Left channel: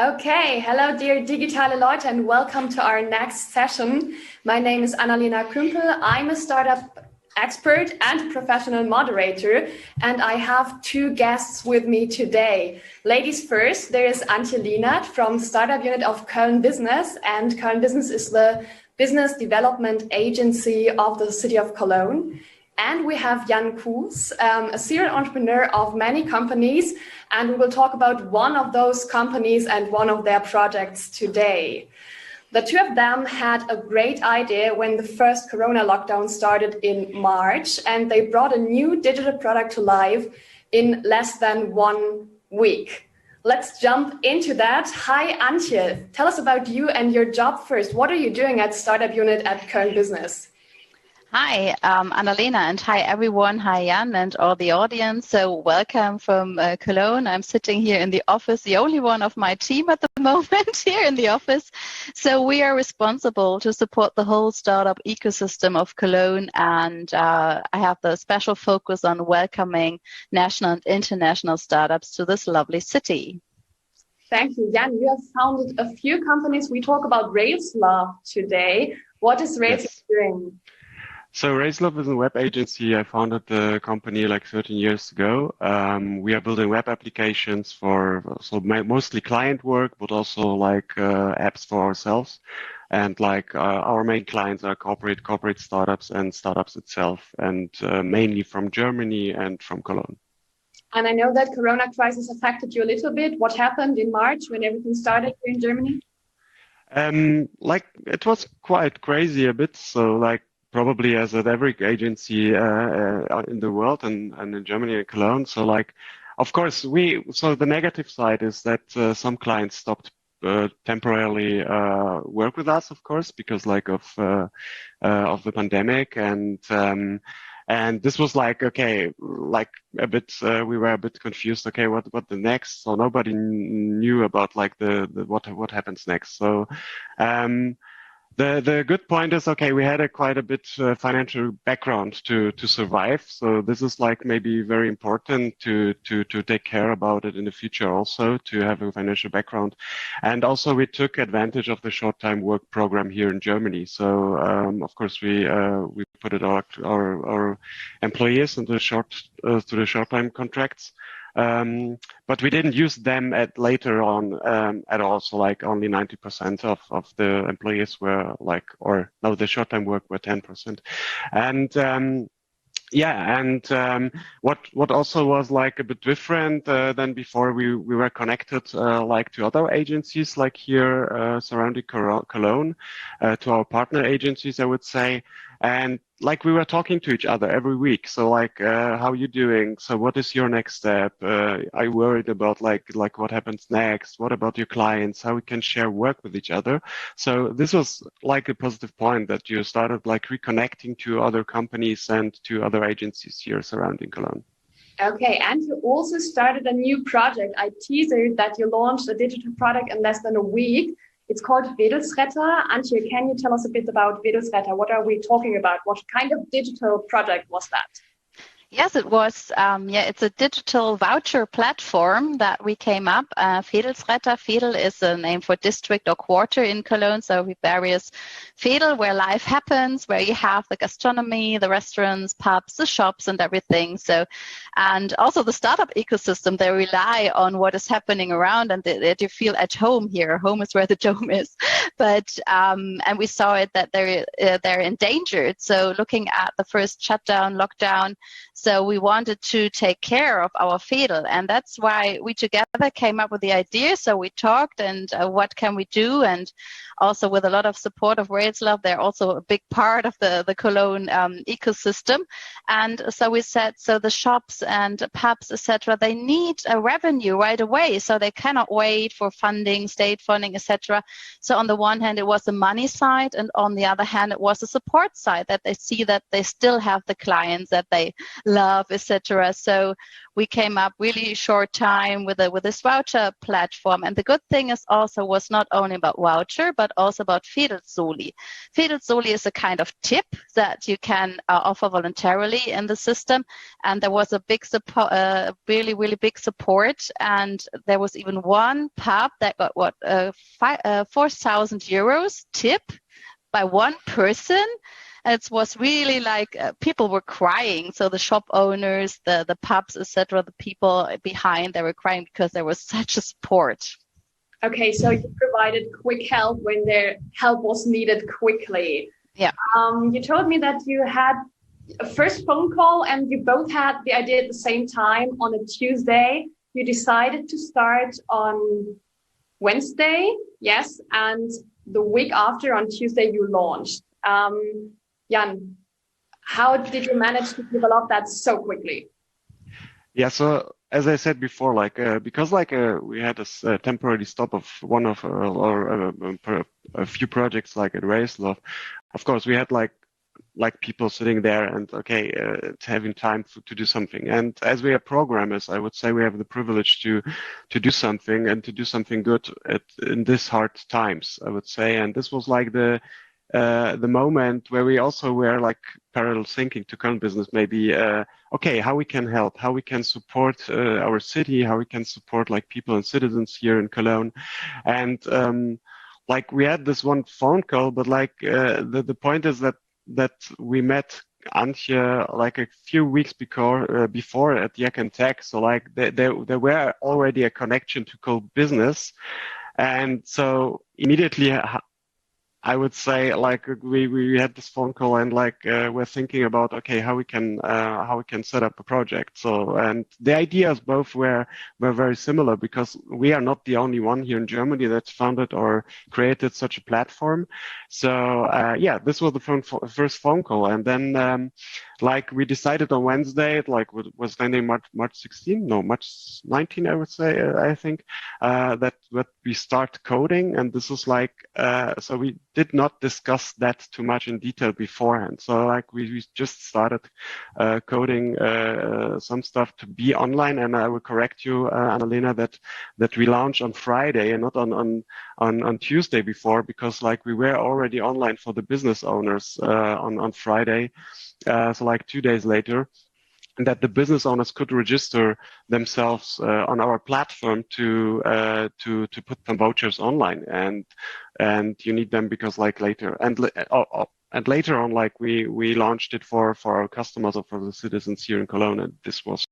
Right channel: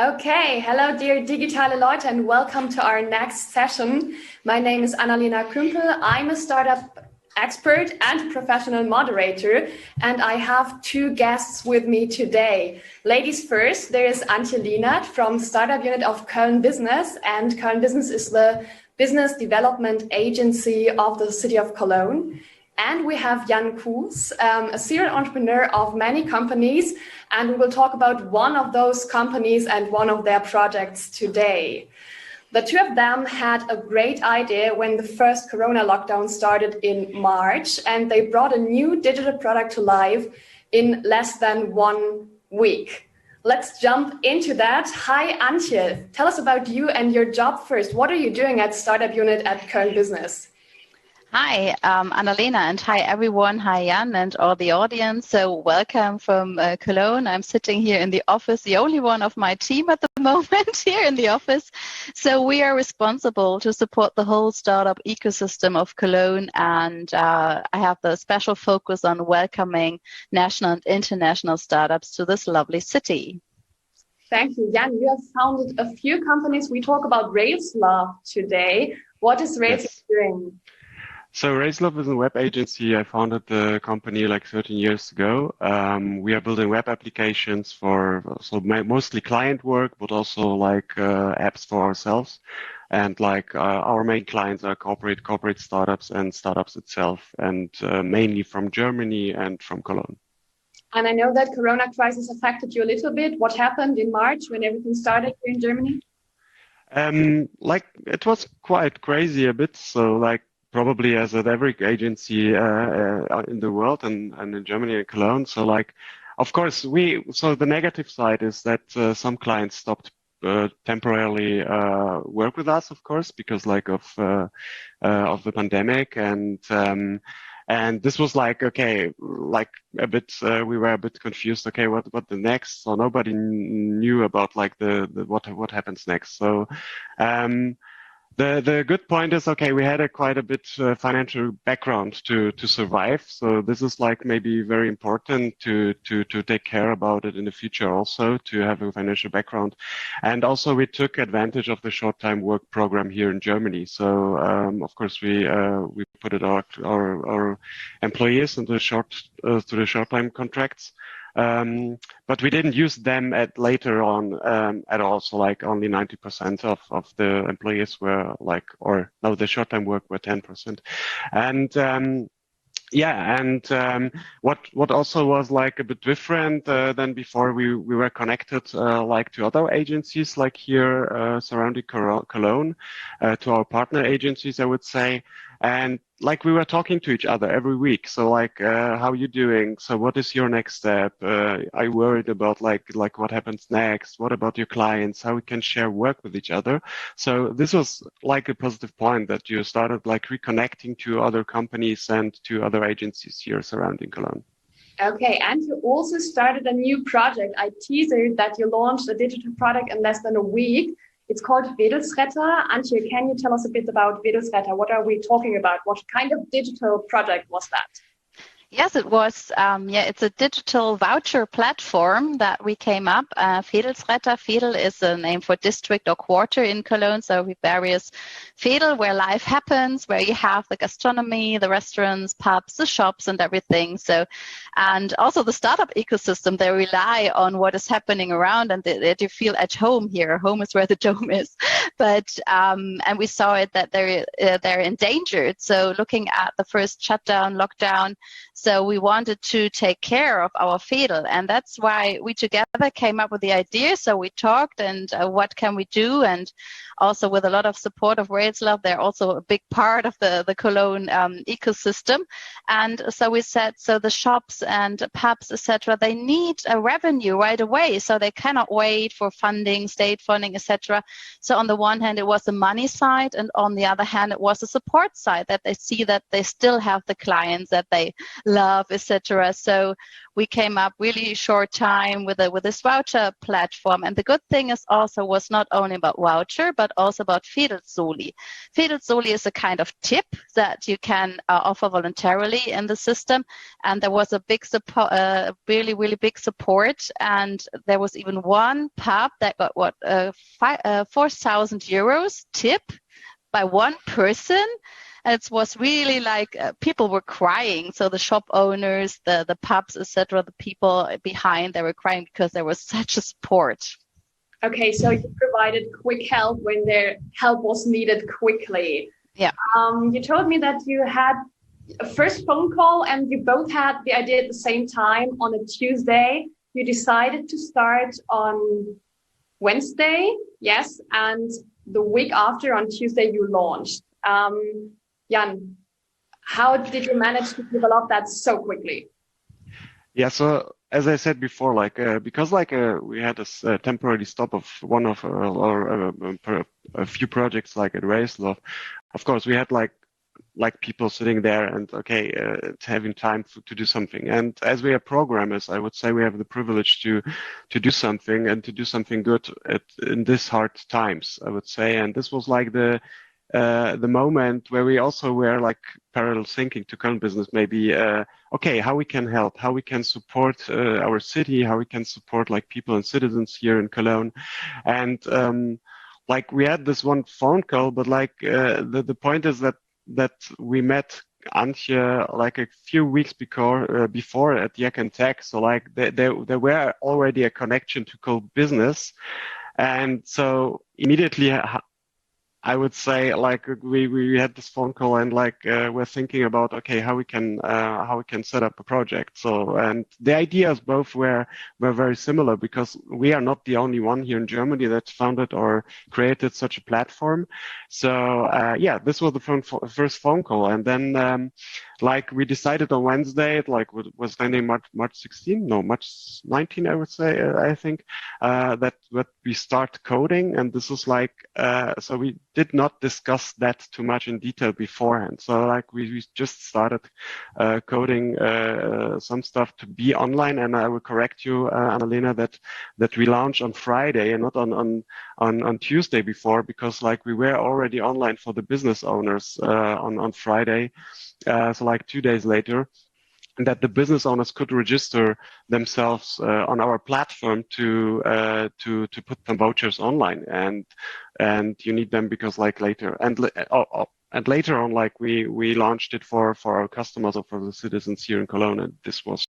Okay, hello dear Digitale Leute and welcome to our next session. My name is Annalena Kümpel. I'm a startup expert and professional moderator, and I have two guests with me today. Ladies first, there is Antje Lienert from startup unit of KölnBusiness, and KölnBusiness is the business development agency of the city of Cologne. And we have Jan Koos, a serial entrepreneur of many companies, and we will talk about one of those companies and one of their projects today. The two of them had a great idea when the first Corona lockdown started in March, and they brought a new digital product to life in less than 1 week. Let's jump into that. Hi, Antje. Tell us about you and your job first. What are you doing at startup unit at KölnBusiness? Hi, Annalena, and hi everyone. Hi, Jan, and all the audience. So welcome from Cologne. I'm sitting here in the office, the only one of my team at the moment here in the office. So we are responsible to support the whole startup ecosystem of Cologne, and I have the special focus on welcoming national and international startups to this lovely city. Thank you, Jan. You have founded a few companies. We talk about Railslove today. What is Railslove doing? So Railslove is a web agency. I founded the company like 13 years ago. We are building web applications for mostly client work, but also like apps for ourselves. And like our main clients are corporate startups and startups itself, and mainly from Germany and from Cologne. And I know that Corona crisis affected you a little bit. What happened in March when everything started here in Germany? Like it was quite crazy a bit. So like, probably as at every agency in the world and in Germany and Cologne. So like, of course, so the negative side is that some clients stopped temporarily work with us, of course, because like of the pandemic. And this was like, okay, like a bit, we were a bit confused. Okay, what the next? So nobody knew about like what happens next. So, The good point is, okay, we had quite a bit financial background to survive. So this is like maybe very important to take care about it in the future also, to have a financial background. And also we took advantage of the short-time work program here in Germany. So of course we put it our employees into the short-time contracts. But we didn't use them later on at all. So like only 90% of the employees were like, the short-time work were 10%. And what also was like a bit different than before, we were connected like to other agencies like here surrounding Cologne, to our partner agencies, I would say. And like we were talking to each other every week. So like, how are you doing? So what is your next step? Are you worried about like what happens next? What about your clients? How we can share work with each other? So this was like a positive point that you started like reconnecting to other companies and to other agencies here surrounding Cologne. Okay, and you also started a new project. I teased that you launched a digital product in less than a week. It's called VEEDELSRETTER. Antje, can you tell us a bit about VEEDELSRETTER? What are we talking about? What kind of digital project was that? Yes, it was. It's a digital voucher platform that we came up. VEEDELSRETTER. Veedel is a name for district or quarter in Cologne. So we various Veedel, where life happens, where you have the gastronomy, the restaurants, pubs, the shops, and everything. So, and also the startup ecosystem. They rely on what is happening around, and that you feel at home here. Home is where the dome is. But and we saw it that they're endangered. So looking at the first shutdown, lockdown. So we wanted to take care of our Veedel, and that's why we together came up with the idea. So we talked and what can we do, and also with a lot of support of Railslove, they're also a big part of the Cologne ecosystem. And so we said, so the shops and pubs, etc., they need a revenue right away, so they cannot wait for funding, state funding, etc. So on the one hand, it was the money side, and on the other hand, it was the support side, that they see that they still have the clients, that they Love, etc. So we came up really short time with this voucher platform. And the good thing is also was not only about voucher, but also about VEEDELSRETTER. VEEDELSRETTER is a kind of tip that you can offer voluntarily in the system. And there was a big support, really, really big support. And there was even one pub that got 4,000 euros tip by one person. And it was really like people were crying. So the shop owners, the pubs, etc., the people behind, they were crying because there was such a support. Okay, so you provided quick help when their help was needed quickly. Yeah. You told me that you had a first phone call and you both had the idea at the same time on a Tuesday. You decided to start on Wednesday, yes, and the week after on Tuesday you launched. Jan, how did you manage to develop that so quickly? Yeah, so as I said before, because we had a temporary stop of one of a few projects like at Railslove, of course we had like people sitting there and having time to do something. And as we are programmers, I would say we have the privilege to do something and to do something good in these hard times, I would say. And this was like the moment where we also were like parallel thinking to KölnBusiness, maybe, how we can help, how we can support our city, how we can support like people and citizens here in Cologne. And like we had this one phone call, but like the point is that we met Antje like a few weeks before at Yak and Tech. So like there were already a connection to KölnBusiness. And so immediately I would say like we had this phone call and like we're thinking about how we can set up a project. So and the ideas both were very similar because we are not the only one here in Germany that founded or created such a platform. So this was the first phone call, and then like we decided on Wednesday, like was ending March 16, no March 19, I would say, I think that we start coding, and this is like so we did not discuss that too much in detail beforehand. So like we just started coding some stuff to be online, and I will correct you, Annalena, that we launched on Friday and not on Tuesday before, because like we were already online for the business owners on Friday. So like 2 days later, that the business owners could register themselves on our platform to put them vouchers online, and you need them because like later and later on, like we launched it for our customers or for the citizens here in Cologne, and this was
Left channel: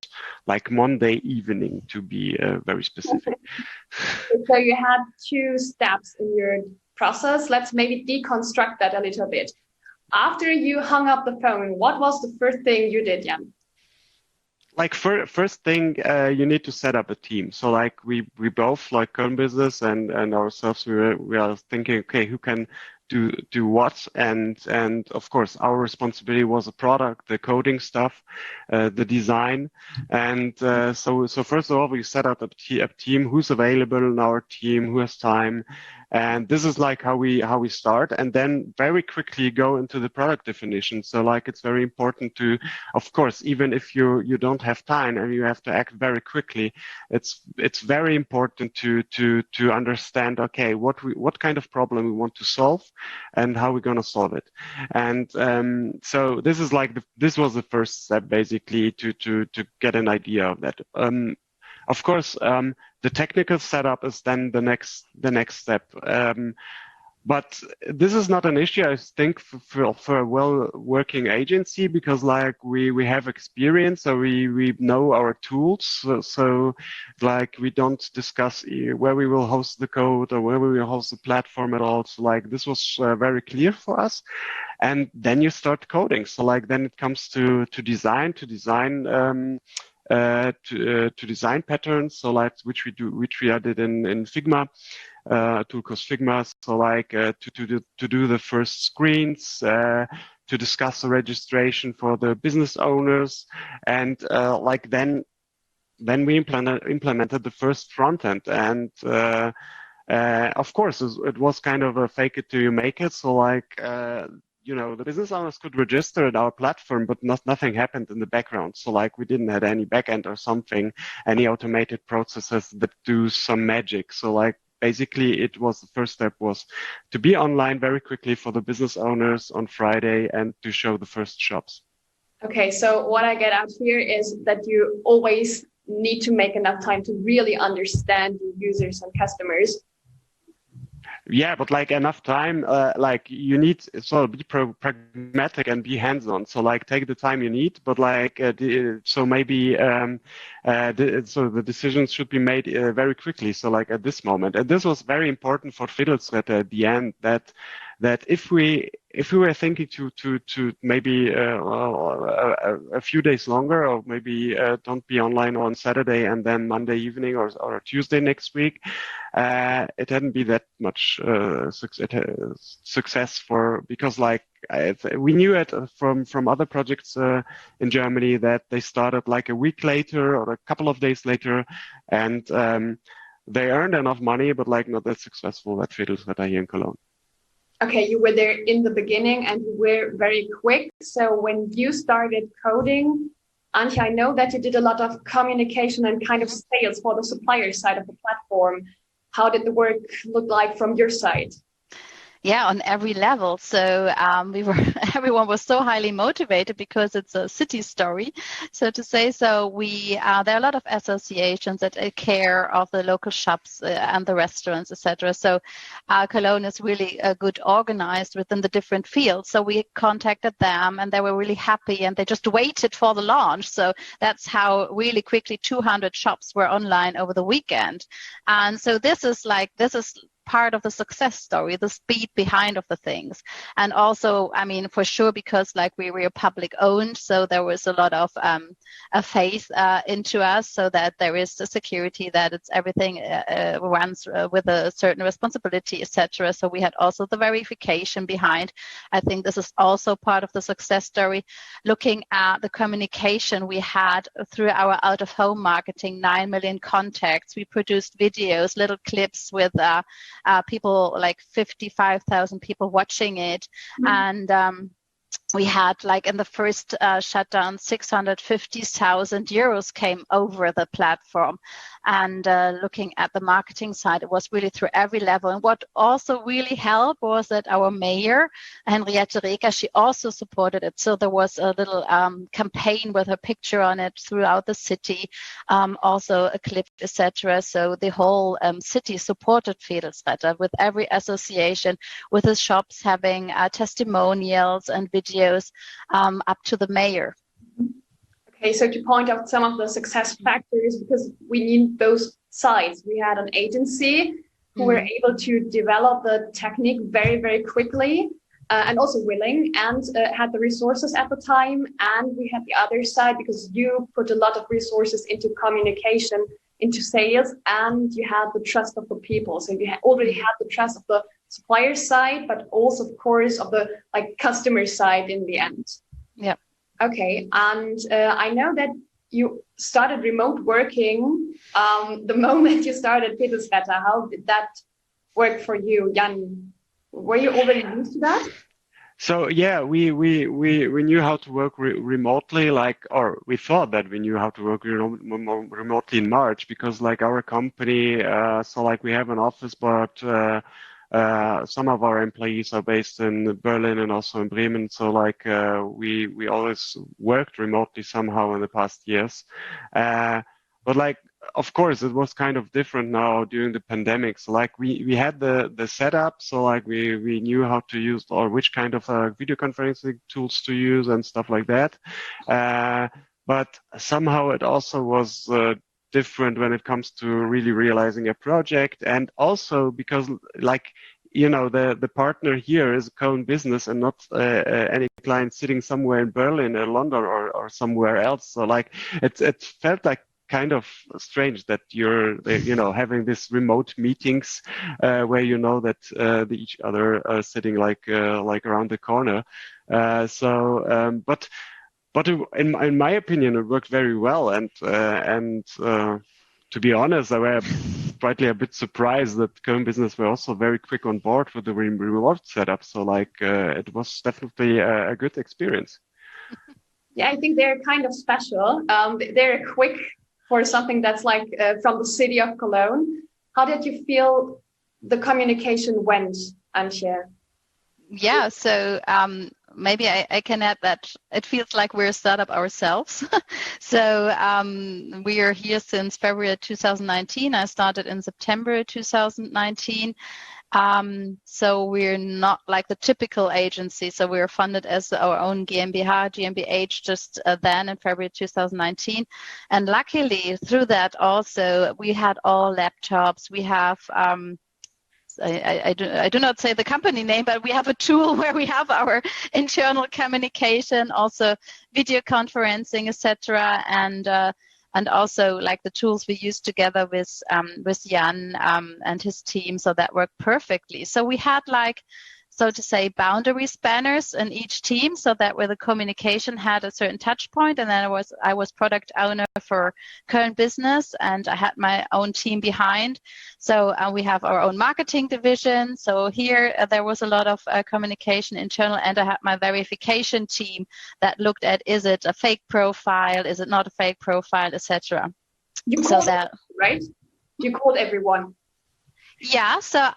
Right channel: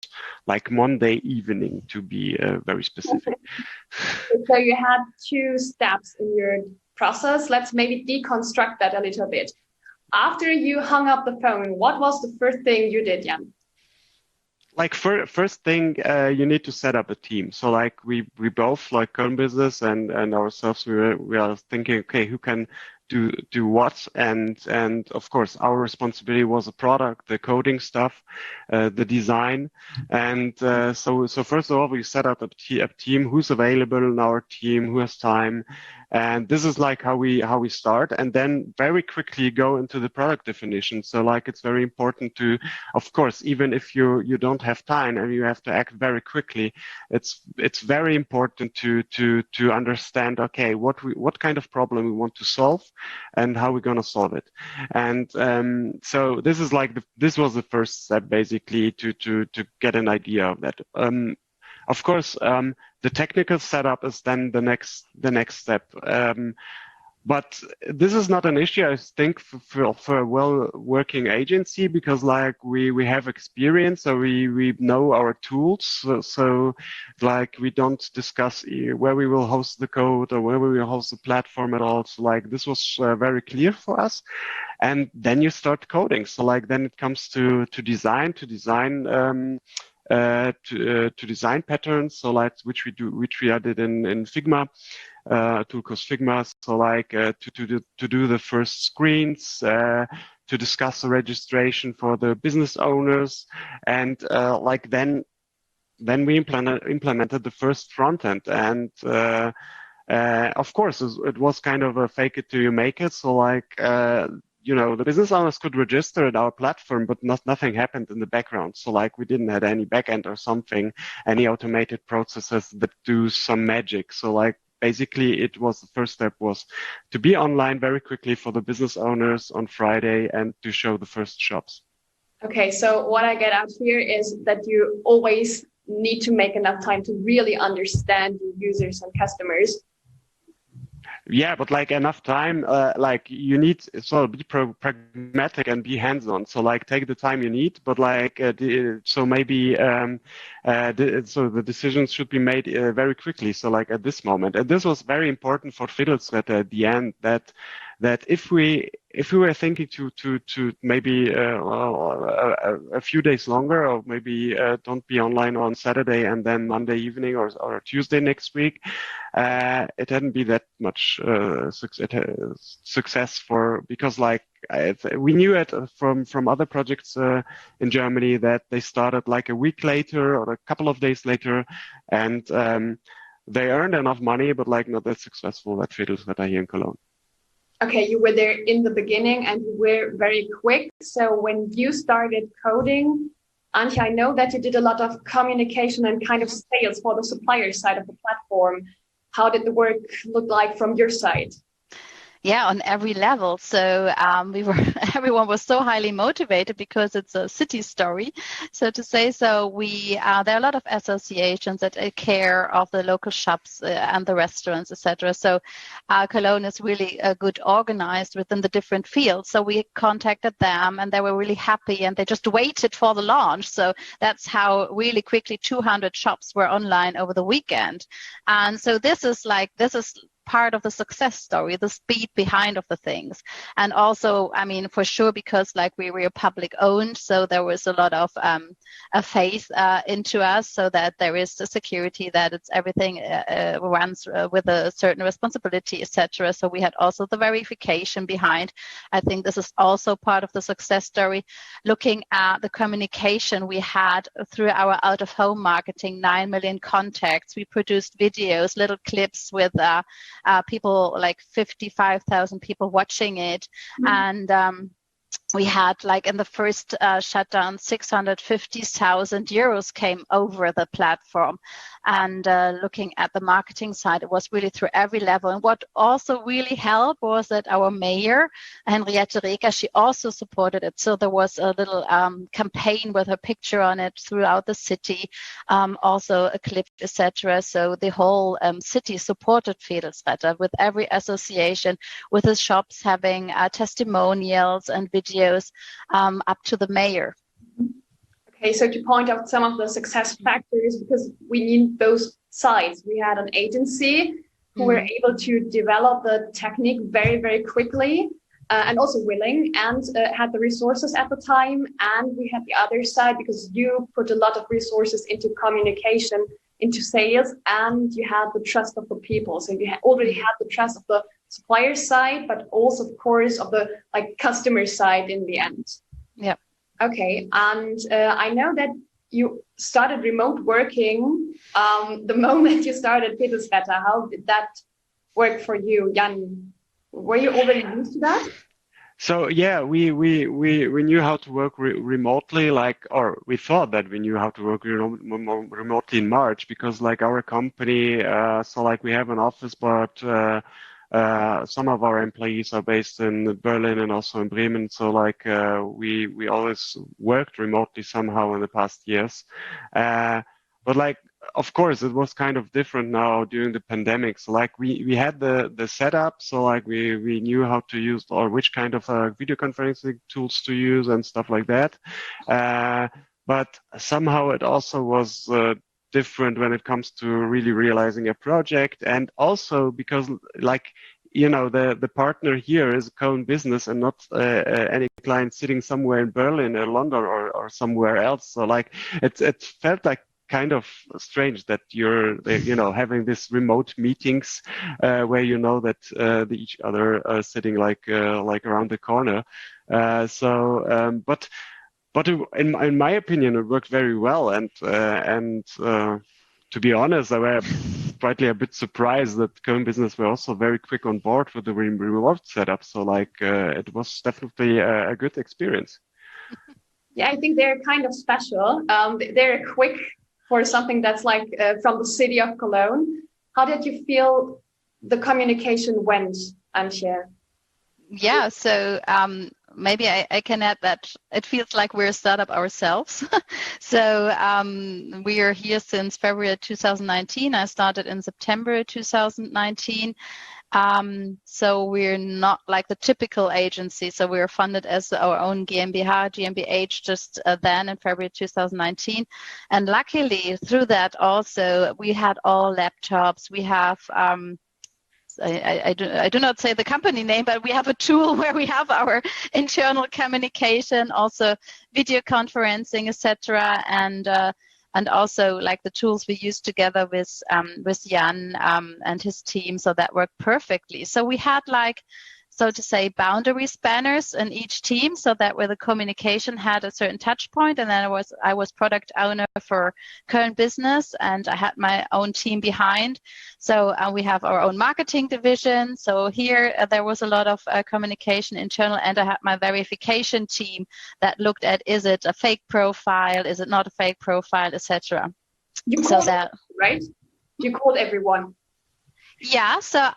like Monday evening to be very specific. So you had 2 steps in your process. Let's maybe deconstruct that a little bit. After you hung up the phone, what was the first thing you did, Jan? Like first thing, you need to set up a team. So like we both like KölnBusiness and ourselves, we are thinking, who can do what, and of course our responsibility was the product, the coding stuff, the design, and so first of all we set up a team who's available in our team, who has time. And this is like how we start, and then very quickly go into the product definition. So like it's very important to, of course, even if you don't have time and you have to act very quickly, it's very important to understand what kind of problem we want to solve and how we're going to solve it. And so this is like this was the first step basically to get an idea of that. Of course, the technical setup is then the next step. But this is not an issue, I think, for a well-working agency, because like we have experience, so we know our tools. So like we don't discuss where we will host the code or where we will host the platform at all. So like this was very clear for us. And then you start coding. So like then it comes to design patterns, so like which we added in Figma, tool called Figma. So like to do the first screens, to discuss the registration for the business owners, and like then we implemented the first front end, and of course it was kind of a fake it till you make it. So like the business owners could register at our platform, but nothing happened in the background. So like we didn't have any backend or something, any automated processes that do some magic. So like basically the first step was to be online very quickly for the business owners on Friday and to show the first shops. Okay, so what I get out here is that you always need to make enough time to really understand your users and customers. Yeah, but like enough time, like you need, so be pragmatic and be hands-on. So like take the time you need, but like, so maybe, so the decisions should be made very quickly. So like at this moment, and this was very important for VEEDELSRETTER at the end, that if we were thinking to maybe a few days longer, or maybe don't be online on Saturday and then Monday evening or Tuesday next week, it hadn't been that much success because like we knew it from other projects in Germany that they started like a week later or a couple of days later, and they earned enough money, but like not that successful at VEEDELSRETTER here in Cologne. Okay, you were there in the beginning and you were very quick. So when you started coding, Antje, I know that you did a lot of communication and kind of sales for the supplier side of the platform. How did the work look like from your side? Yeah, on every level. So everyone was so highly motivated because it's a city story, so to say. So there are a lot of associations that take care of the local shops and the restaurants, etc. So Cologne is really good organized within the different fields. So we contacted them and they were really happy and they just waited for the launch. So that's how really quickly 200 shops were online over the weekend. And so this is part of the success story, the speed behind of the things. And also, I mean, for sure, because like we were public owned, so there was a lot of a faith into us, so that there is the security, that it's everything runs with a certain responsibility, etc. So we had also the verification behind. I think this is also part of the success story. Looking at the communication we had through our out-of-home marketing, 9 million contacts. We produced videos, little clips with people, like 55,000 people watching it. Mm-hmm. And we had, like, in the first shutdown, 650,000 euros came over the platform. And looking at the marketing side, it was really through every level. And what also really helped was that our mayor, Henriette Reker, she also supported it. So there was a little campaign with her picture on it throughout the city, also a clip, etc. So the whole city supported VEEDELSRETTER, with every association, with the shops having testimonials and videos up to the mayor. Okay, so to point out some of the success factors, because we need both sides. We had an agency who were able to develop the technique very, very quickly, and also willing, and had the resources at the time. And we had the other side, because you put a lot of resources into communication, into sales, and you had the trust of the people. So you already had the trust of the supplier side, but also, of course, of the customer side in the end. Yeah. Okay, and I know that you started remote working the moment you started VEEDELSRETTER. How did that work for you, Jan? Were you already used to that? So yeah, we knew how to work remotely, or we thought that we knew how to work remotely in March, because like our company, so like we have an office, but some of our employees are based in Berlin and also in Bremen. So like we always worked remotely somehow in the past years. But like, of course, it was kind of different now during the pandemic. So like we had the setup, so like we knew how to use, or which kind of video conferencing tools to use and stuff like that. But somehow it also was different when it comes to really realizing a project, and also because the partner here is KölnBusiness and not any client sitting somewhere in Berlin or London or somewhere else. So like it felt like kind of strange that you're having these remote meetings where that each other are sitting like around the corner. But in my opinion, it worked very well, and to be honest, slightly a bit surprised that KölnBusiness were also very quick on board with the reward setup. So like it was definitely a good experience. Yeah, I think they're kind of special. They're quick for something that's like from the city of Cologne. How did you feel the communication went, Antje? Yeah, so maybe I can add that it feels like we're a startup ourselves. So we are here since February 2019. I started in September 2019. So we're not like the typical agency. So we were funded as our own GmbH just then in February 2019. And luckily through that also we had all laptops. We have I do not say the company name, but we have a tool where we have our internal communication, also video conferencing, etc., and also like the tools we use together with Jan and his team, so that worked perfectly. So we had like, so to say, boundary spanners in each team, so that where the communication had a certain touch point, and then I was product owner for KölnBusiness, and I had my own team behind. So we have our own marketing division. So here there was a lot of communication internal, and I had my verification team that looked at, is it a fake profile, is it not a fake profile, etc. You called right? You called everyone. Yeah, so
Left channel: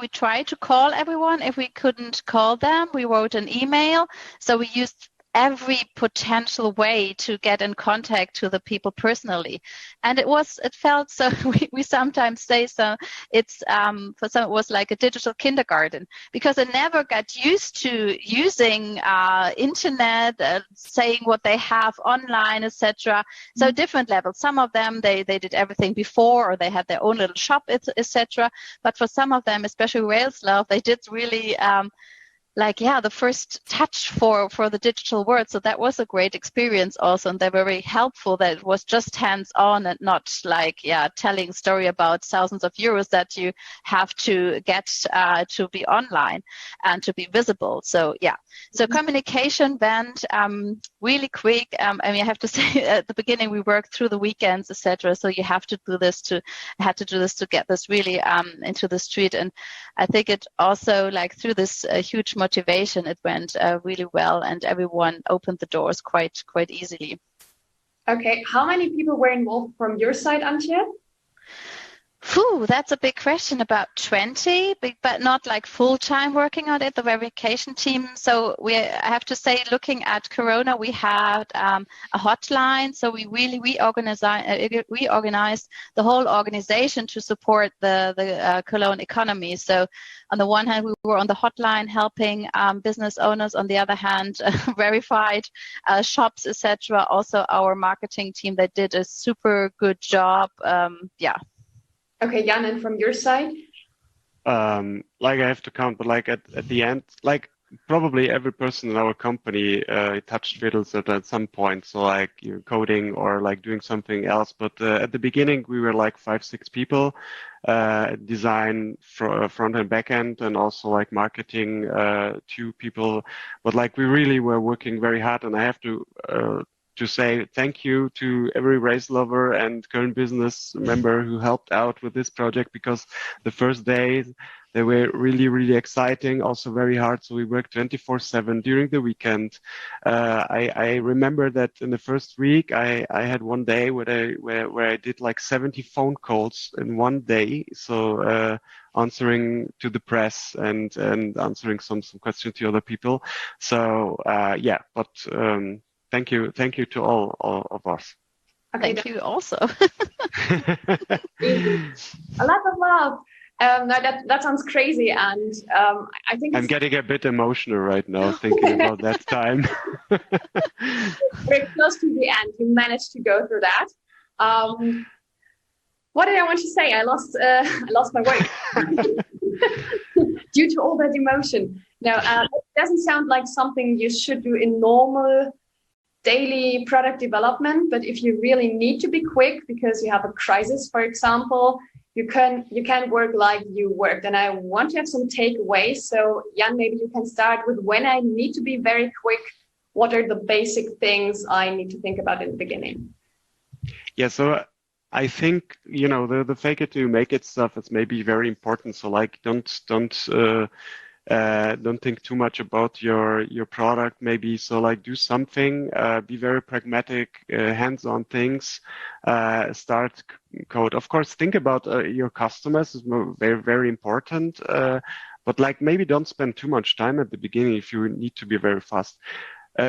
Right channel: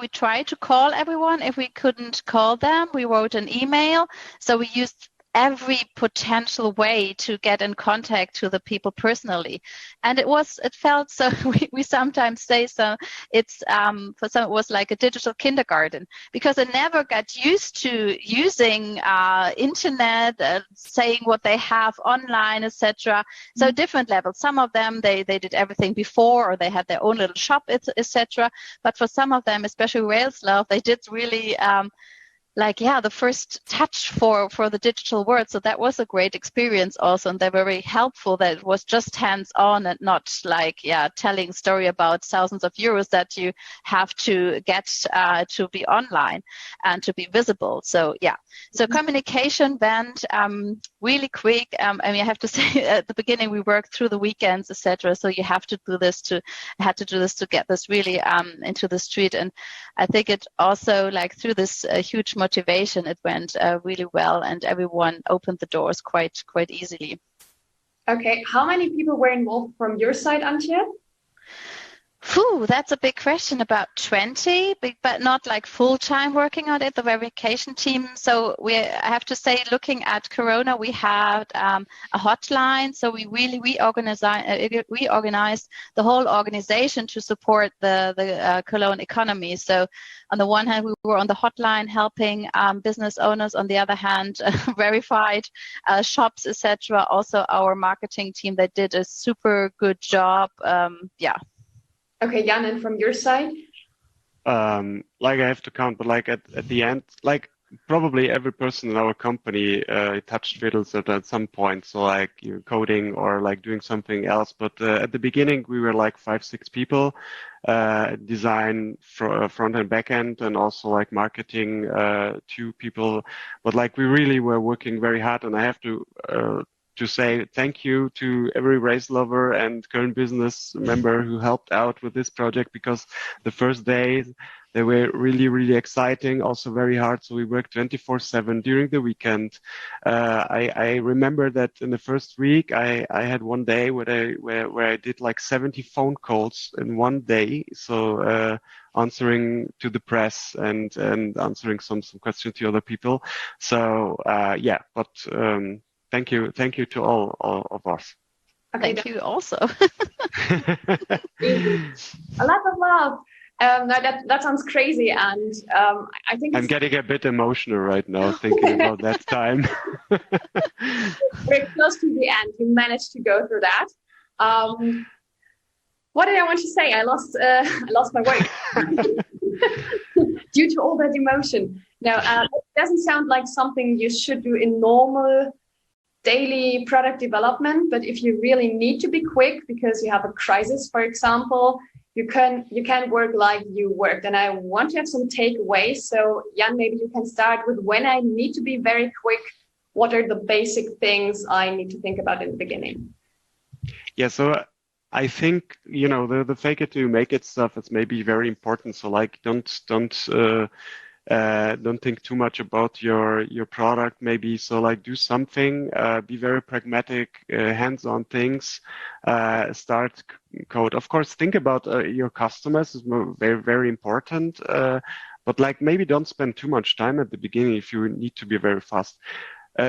we tried to call everyone. If we couldn't call them, we wrote an email. So we used every potential way to get in contact to the people personally. And it felt so, we sometimes say so, it's, for some it was like a digital kindergarten, because I never got used to using internet, saying what they have online, etc. So different levels. Some of them, they did everything before, or they had their own little shop, etc. But for some of them, especially Railslove, they did really, the first touch for the digital world. So that was a great experience also, and they're very helpful that it was just hands-on and not telling a story about thousands of euros that you have to get to be online and to be visible. So so communication went really quick. I have to say at the beginning we worked through the weekends, etc. So you have to do this to get this really into the street. And I think it also, like, through this huge motivation, it went really well, and everyone opened the doors quite easily. Okay, how many people were involved from your side, Antje? That's a big question. About 20, but not like full-time working on it, the verification team. So I have to say, looking at Corona, we had a hotline. So we really reorganized the whole organization to support the Cologne economy. So on the one hand, we were on the hotline helping business owners. On the other hand, verified shops, etc. Also, our marketing team, they did a super good job. Okay, Jan, and from your side? I have to count, but like at the end, like probably every person in our company touched VEEDELSRETTER at some point. So like you're coding or like doing something else. But at the beginning, we were like 5-6 people, design front and back end, and also like marketing 2 people. But like we really were working very hard, and I have to say thank you to every Railslove and KölnBusiness member who helped out with this project, because the first days they were really, really exciting, also very hard. So we worked 24/7 during the weekend. I remember that in the first week I had one day where I did like 70 phone calls in one day. So answering to the press and answering some questions to other people. So Thank you to all of us. Okay, thank you also. A lot of love. No, that sounds crazy, and I think I'm getting a bit emotional right now thinking about that time. We're close to the end. You managed to go through that. What did I want to say? I lost my way due to all that emotion. No, it doesn't sound like something you should do in normal daily product development, but if you really need to be quick because you have a crisis, for example, you can work like you worked. And I want to have some takeaways. So Jan, maybe you can start with when I need to be very quick. What are the basic things I need to think about in the beginning? Yeah, so I think, the fake it till you make it stuff is maybe very important. So like, don't think too much about your product maybe. So like do something, be very pragmatic, hands-on things, start code. Of course, think about your customers is very, very important. But like maybe don't spend too much time at the beginning if you need to be very fast.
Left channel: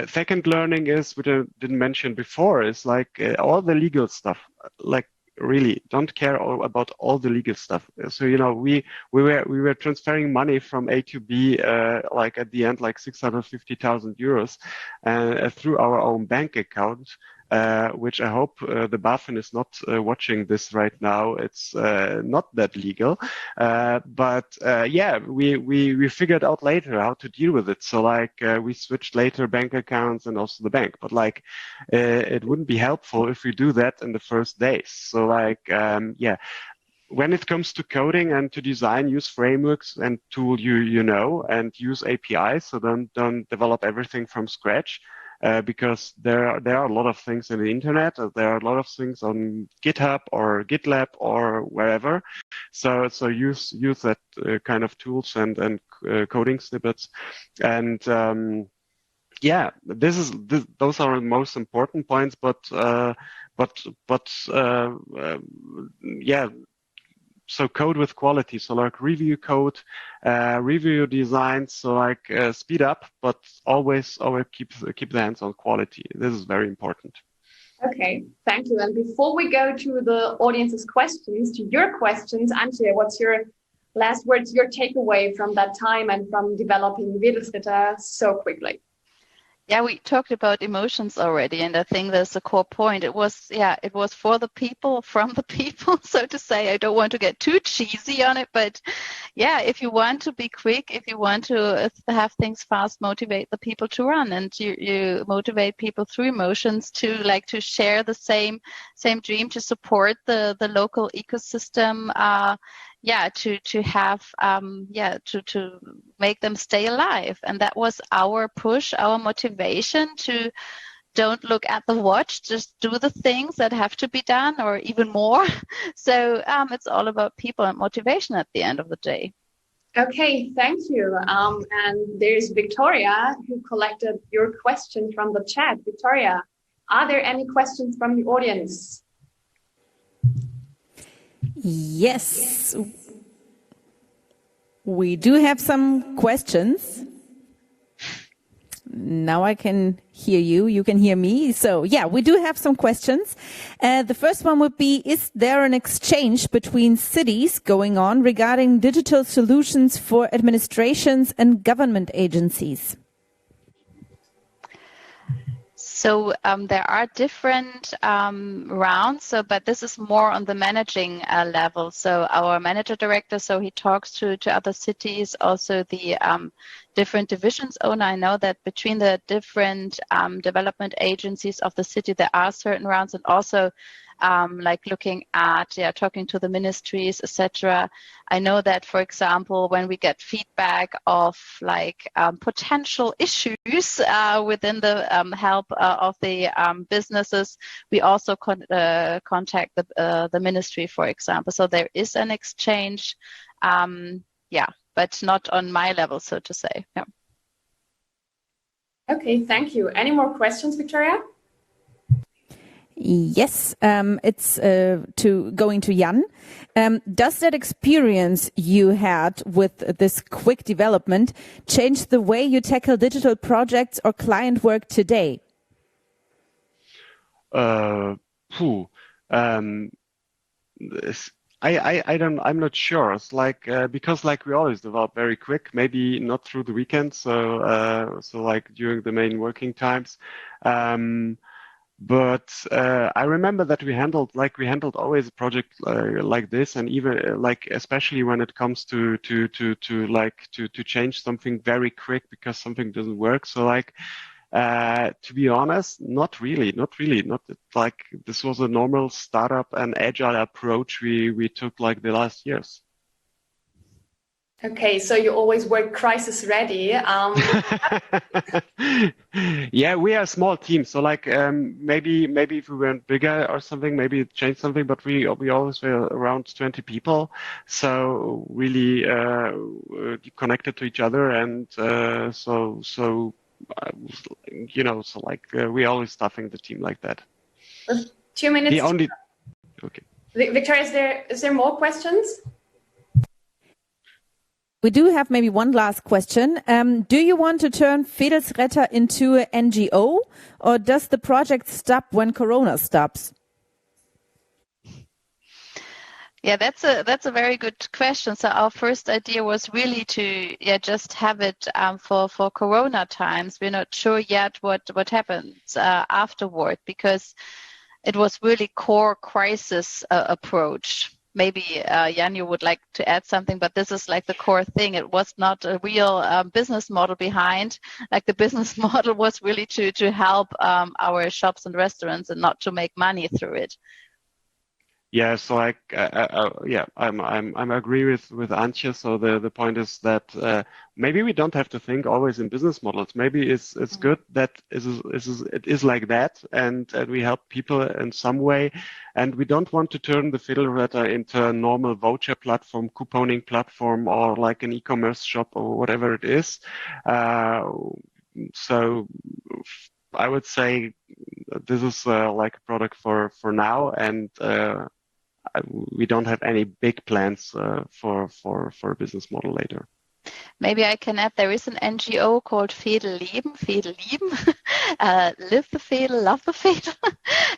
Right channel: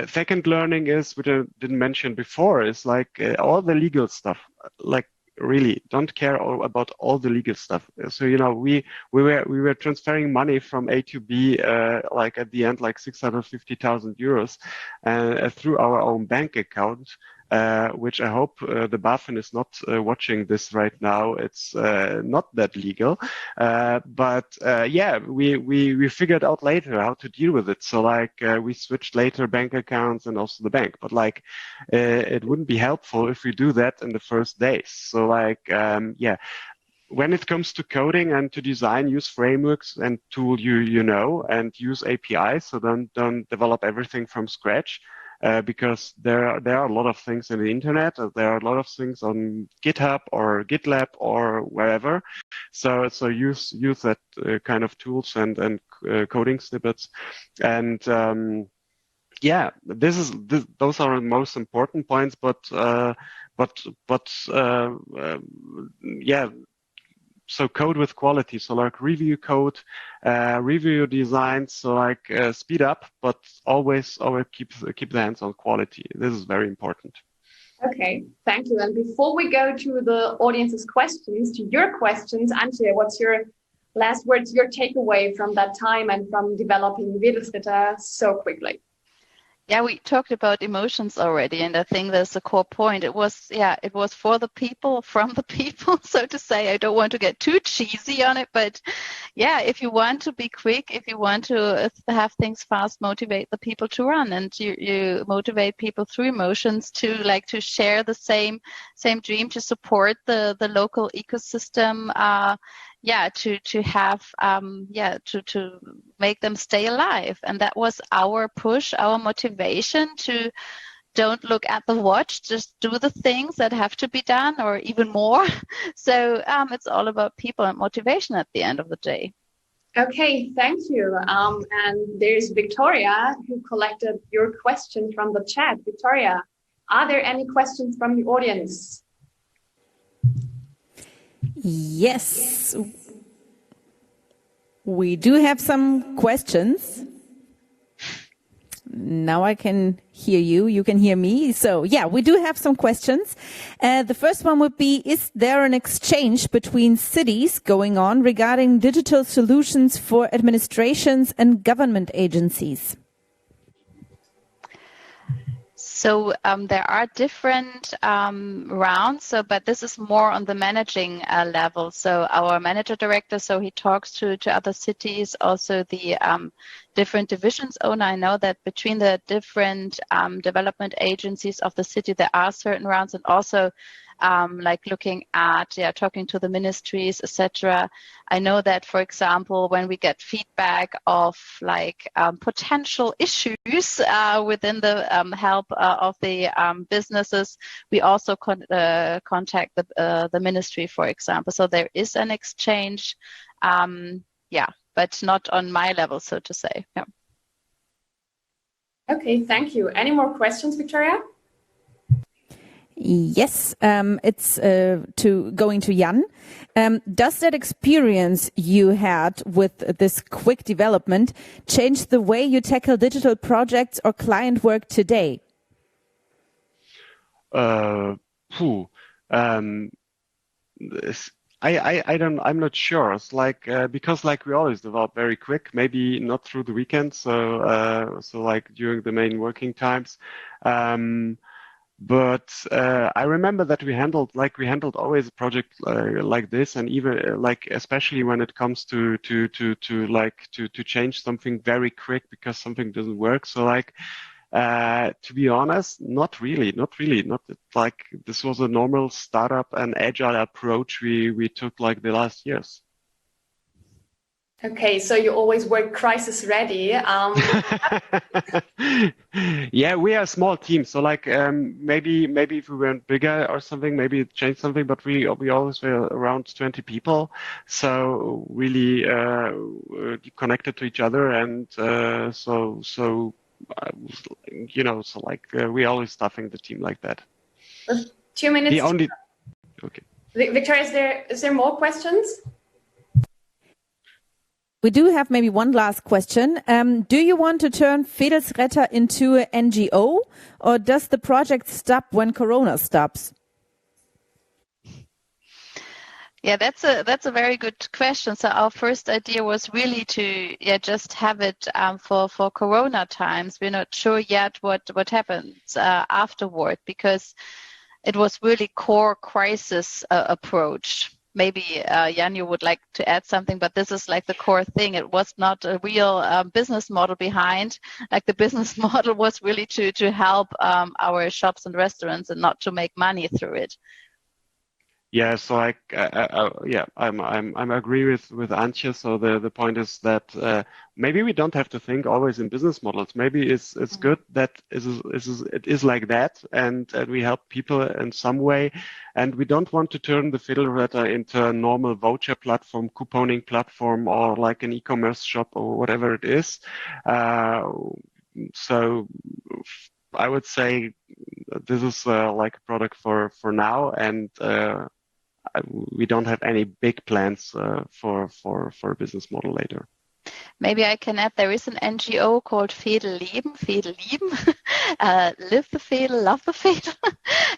Second learning is, which I didn't mention before, is like all the legal stuff. Like really, don't care about all the legal stuff. So we were transferring money from A to B, like at the end, like 650,000 euros, through our own bank account. Which I hope the BaFin is not watching this right now. It's not that legal, but yeah, we figured out later how to deal with it. So like we switched later bank accounts and also the bank. But like it wouldn't be helpful if we do that in the first days. So like yeah. When it comes to coding and to design, use frameworks and tool and use APIs. So don't develop everything from scratch. Because there are a lot of things in the internet. There are a lot of things on GitHub or GitLab or wherever. So use that kind of tools and coding snippets. And yeah, those are the most important points. But yeah. So code with quality. So like review code, review design. So like speed up, but always keep the hands on quality. This is very important. Okay, thank you. And before we go to the audience's questions, to your questions, Antje, what's your last words, your takeaway from that time and from developing VEEDELSRETTER so quickly? Yeah, we talked about emotions already, and I think that's a core point. It was for the people, from the people, so to say. I don't want to get too cheesy on it, but yeah, if you want to be quick, if you want to have things fast, motivate the people to run, and you motivate people through emotions to share the same dream, to support the local ecosystem. To have to make them stay alive. And that was our push, our motivation to don't look at the watch, just do the things that have to be done or even more. So it's all about people and motivation at the end of the day. Okay, thank you. And there's Victoria who collected your question from the chat. Victoria, are there any questions from the audience? Yes, we do have some questions. Now I can hear you. You can hear me. So yeah, we do have some questions. The first one would be, is there an exchange between cities going on regarding digital solutions for administrations and government agencies? So there are different rounds, but this is more on the managing level. So our manager director, so he talks to other cities, also the different divisions owner. I know that between the different development agencies of the city, there are certain rounds, and also looking at, talking to the ministries, etc. I know that, for example, when we get feedback of potential issues within the help of the businesses, we also contact the ministry, for example. So there is an exchange, but not on my level, so to say. Yeah. Okay, thank you. Any more questions, Victoria? Yes, it's going to Jan. Does that experience you had with this quick development change the way you tackle digital projects or client work today? I'm not sure. It's because we always develop very quick, maybe not through the weekends, so during the main working times. But I remember that we handled always a project like this, and even especially when it comes to change something very quick because something doesn't work. So to be honest, not really. This was a normal startup and agile approach we took the last years. Okay, so you always work crisis ready. Yeah, we are a small team, so like maybe if we weren't bigger or something, maybe it changed something. But we always were around 20 people, so really connected to each other, and so so like we always staffing the team like that. 2 minutes. Okay. Victoria, is there more questions? We do have maybe one last question. Do you want to turn VEEDELSRETTER into an NGO, or does the project stop when Corona stops? Yeah, that's a very good question. So our first idea was really to just have it for Corona times. We're not sure yet what happens afterward, because it was really core crisis approach. Maybe Jan, you would like to add something, but this is like the core thing. It was not a real business model behind. Like the business model was really to help our shops and restaurants and not to make money through it. Yeah, so I agree with Antje. So the point is that maybe we don't have to think always in business models. Maybe it's good that it is like that, and we help people in some way. And we don't want to turn the VEEDELSRETTER into a normal voucher platform, couponing platform, or like an e-commerce shop or whatever it is. So I would say this is like a product for now, and we don't have any big plans for a business model later. Maybe I can add, there is an NGO called VEEDELLEBEN, live the Veedel, love the Veedel,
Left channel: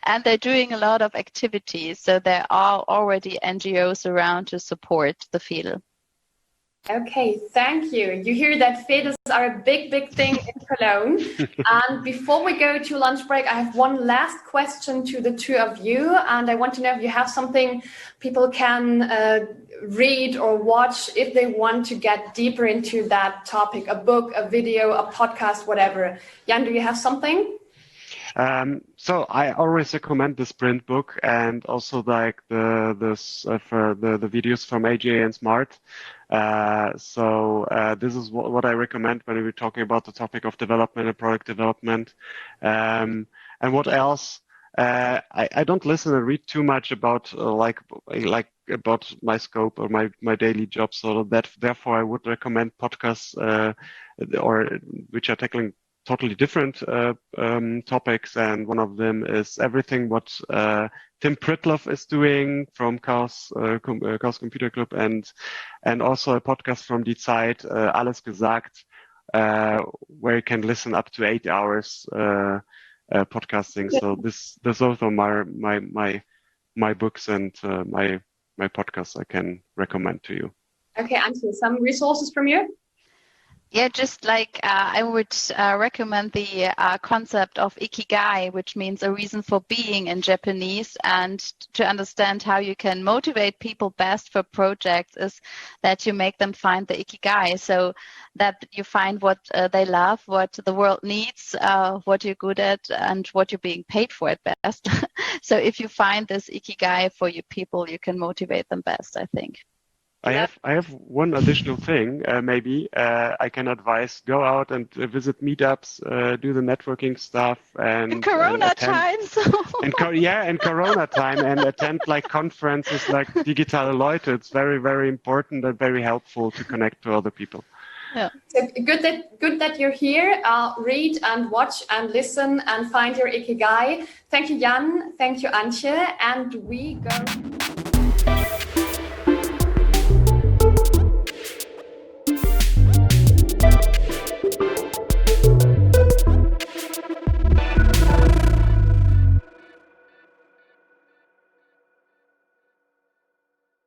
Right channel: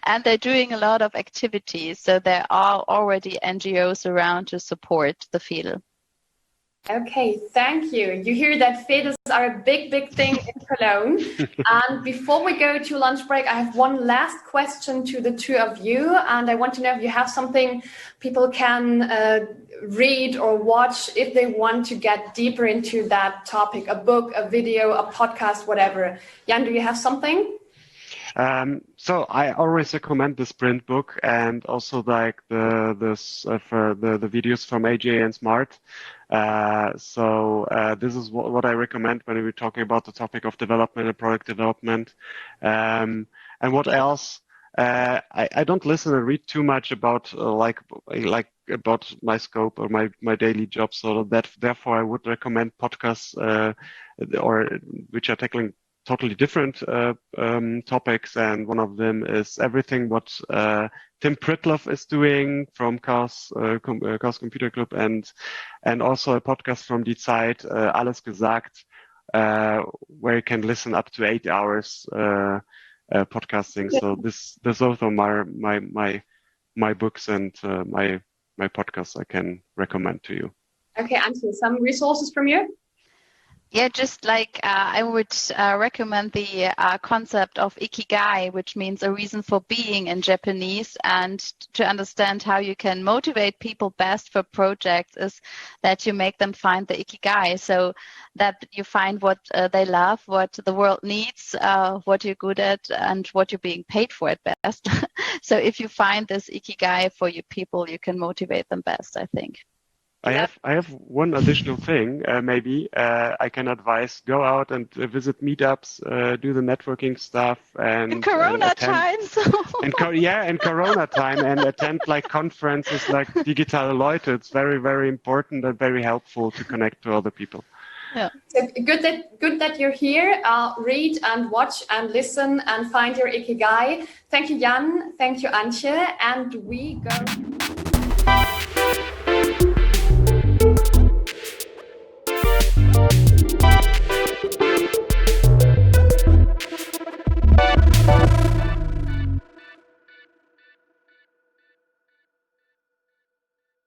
and they're doing a lot of activities. So there are already NGOs around to support the Veedel. Okay, thank you. You hear that Veedels are a big thing in Cologne. And before we go to lunch break, I have one last question to the two of you. And I want to know if you have something people can read or watch if they want to get deeper into that topic, a book, a video, a podcast, whatever. Jan, do you have something? So I always recommend the Sprint book, and also like the videos from AJ and Smart. This is what I recommend when we're talking about the topic of development and product development. And what else? I don't listen and read too much about about my scope or my daily job. So that therefore I would recommend podcasts or which are taking totally different topics, and one of them is everything what Tim Pritlove is doing from Chaos Computer Club, and also a podcast from Die Zeit, Alles Gesagt, where you can listen up to 8 hours podcasting. So those are my books and my podcasts I can recommend to you. Okay, Antje, some resources from you? Yeah, just like I would recommend the concept of ikigai, which means a reason for being in Japanese. And to understand how you can motivate people best for projects is that you make them find the ikigai, so that you find what they love, what the world needs, what you're good at, and what you're being paid for at best. So if you find this ikigai for your people, you can motivate them best, I think. I have one additional thing. Maybe I can advise: go out and visit meetups, do the networking stuff, and in Corona times. in Corona time, and attend like conferences like Digitale Leute. It's very important and very helpful to connect to other people. Yeah. So good that you're here. Read and watch and listen and find your ikigai. Thank you, Jan. Thank you, Antje. And we go.